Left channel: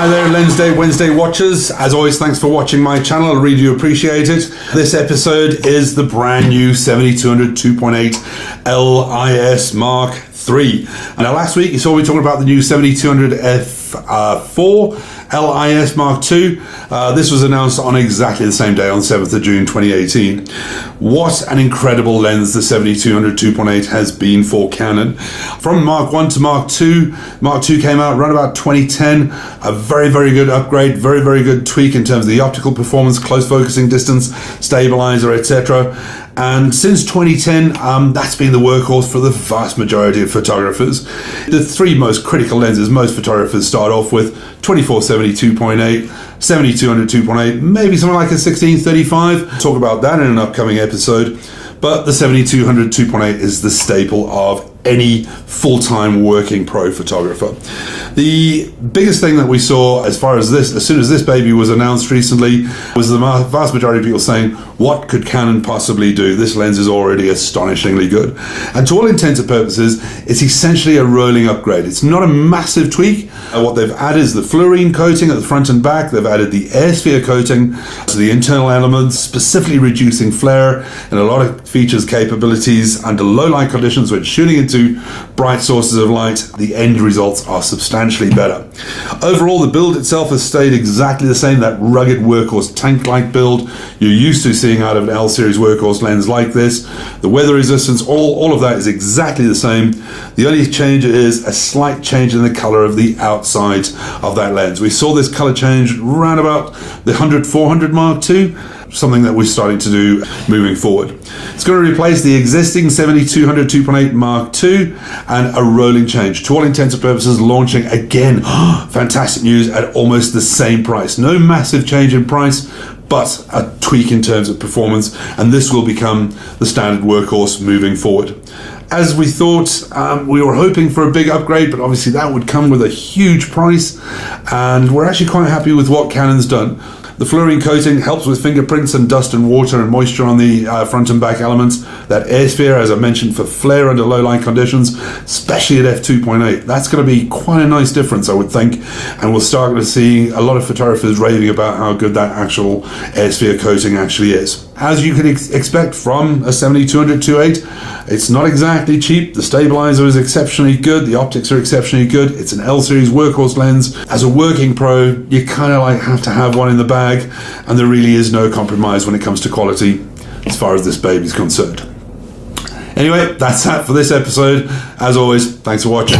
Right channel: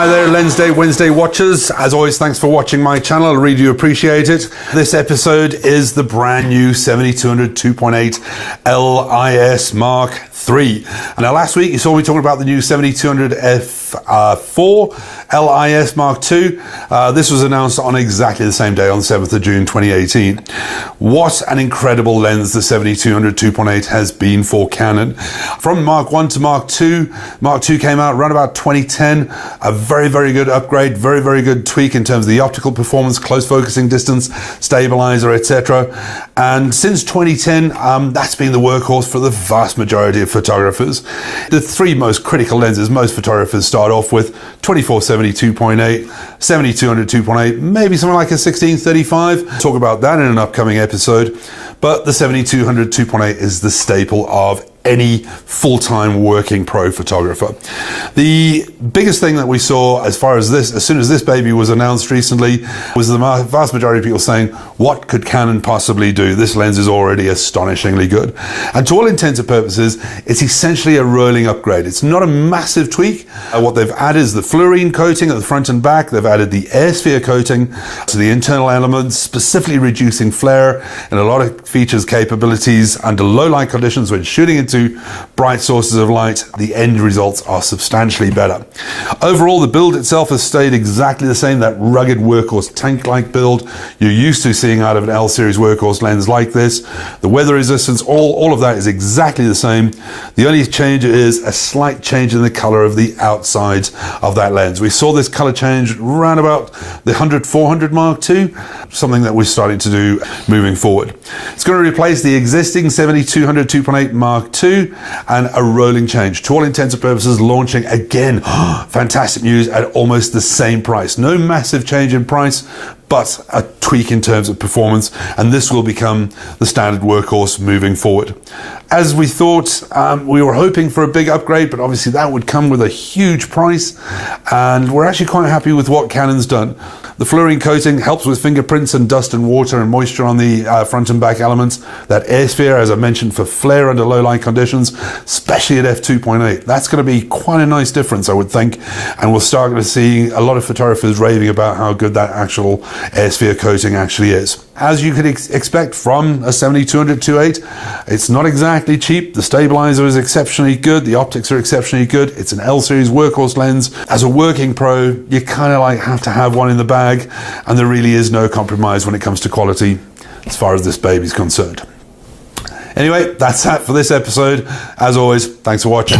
Hi there, Lensday Wednesday watchers. As always, thanks for watching my channel. I really do appreciate it. This episode is the brand new 7200 2.8 LIS Mark III. Now, last week you saw me talking about the new 7200 f4 LIS Mark II. This was announced on exactly the same day, on 7th of June 2018. What an incredible lens the 7200 2.8 has been for Canon. From Mark I to Mark II, Mark II came out around about 2010. A very, very good upgrade, very, very good tweak in terms of the optical performance, close focusing distance, stabilizer, etc. And since 2010, that's been the workhorse for the vast majority of photographers. The three most critical lenses most photographers start off with: 2470 2.8, 7200 2.8, maybe something like a 1635. Talk about that in an upcoming episode. But the 7200 2.8 is the staple of any full-time working pro photographer. The biggest thing that we saw as far as this, as soon as this baby was announced recently, was the vast majority of people saying, what could Canon possibly do? This lens is already astonishingly good. And to all intents and purposes, it's essentially a rolling upgrade. It's not a massive tweak. What they've added is the fluorine coating at the front and back. They've added the air sphere coating to the internal elements, specifically reducing flare and a lot of features, capabilities under low light conditions when shooting into bright sources of light. The end results are substantially better. Overall, the build itself has stayed exactly the same, that rugged workhorse tank-like build you're used to seeing out of an L-series workhorse lens like this. The weather resistance, all of that is exactly the same. The only change is a slight change in the color of the outside of that lens. We saw this color change around about the 100-400 Mark II, something that we're starting to do moving forward. It's going to replace the existing 7200 2.8 Mark II and a rolling change. To all intents and purposes, launching again, fantastic news, at almost the same price. No massive change in price, but a tweak in terms of performance, and this will become the standard workhorse moving forward. As we thought, we were hoping for a big upgrade, but obviously that would come with a huge price, and we're actually quite happy with what Canon's done. The fluorine coating helps with fingerprints and dust and water and moisture on the front and back elements. That air sphere, as I mentioned, for flare under low light conditions, especially at f2.8. That's going to be quite a nice difference, I would think. And we'll start to see a lot of photographers raving about how good that actual air sphere coating actually is. As you could expect from a 7200 2.8, it's not exactly cheap. The stabilizer is exceptionally good. The optics are exceptionally good. It's an L-series workhorse lens. As a working pro, you kind of like have to have one in the bag, and there really is no compromise when it comes to quality as far as this baby's concerned. Anyway, that's that for this episode. As always, thanks for watching.